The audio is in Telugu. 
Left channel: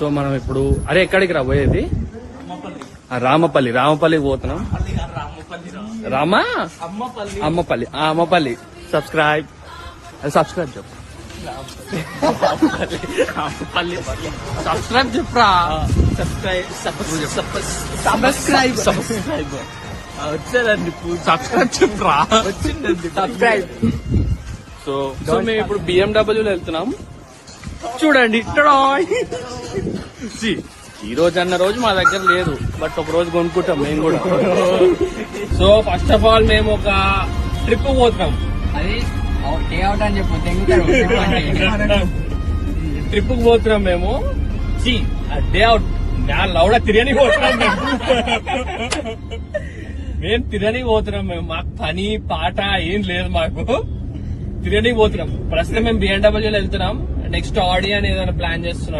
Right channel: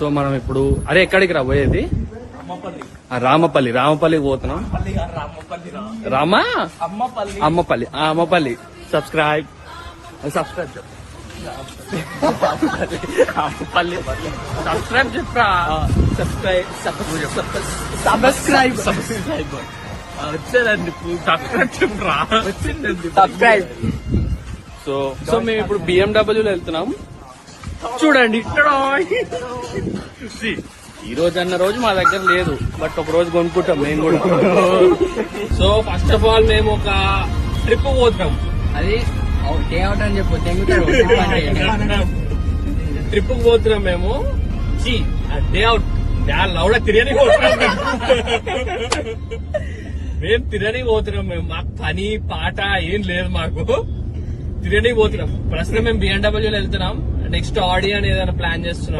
సో మనం ఇప్పుడు అరే ఎక్కడికి రా పోయేది? రామపల్లి పోతున్నాం. అమ్మపల్లి సబ్స్క్రైబ్ సో మేము ఇప్పుడు BMW లో వెళ్తున్నాం. చూడండి, ఈ రోజు అన్న రోజు మా దగ్గర లేదు, బట్ ఒక రోజు కొనుక్కుంటాం మేము కూడా. సో ఫస్ట్ ఆఫ్ ఆల్ మేము ఒక ట్రిప్ పోతున్నాం. అది డే అవుట్ అని చెప్పు. ట్రిప్ పోతున్నాం మేము. డే అవుట్ లౌడ తిరగని పోతున్నాం మేము తిరగని పోతున్నాం మేము. మాకు పని పాట ఏం లేదు, మాకు తిరగని పోతున్నాం. ప్రస్తుతం మేము BMW లో వెళ్తున్నాం. నెక్స్ట్ ఆడియో ఏదైనా ప్లాన్ చేస్తున్నాం.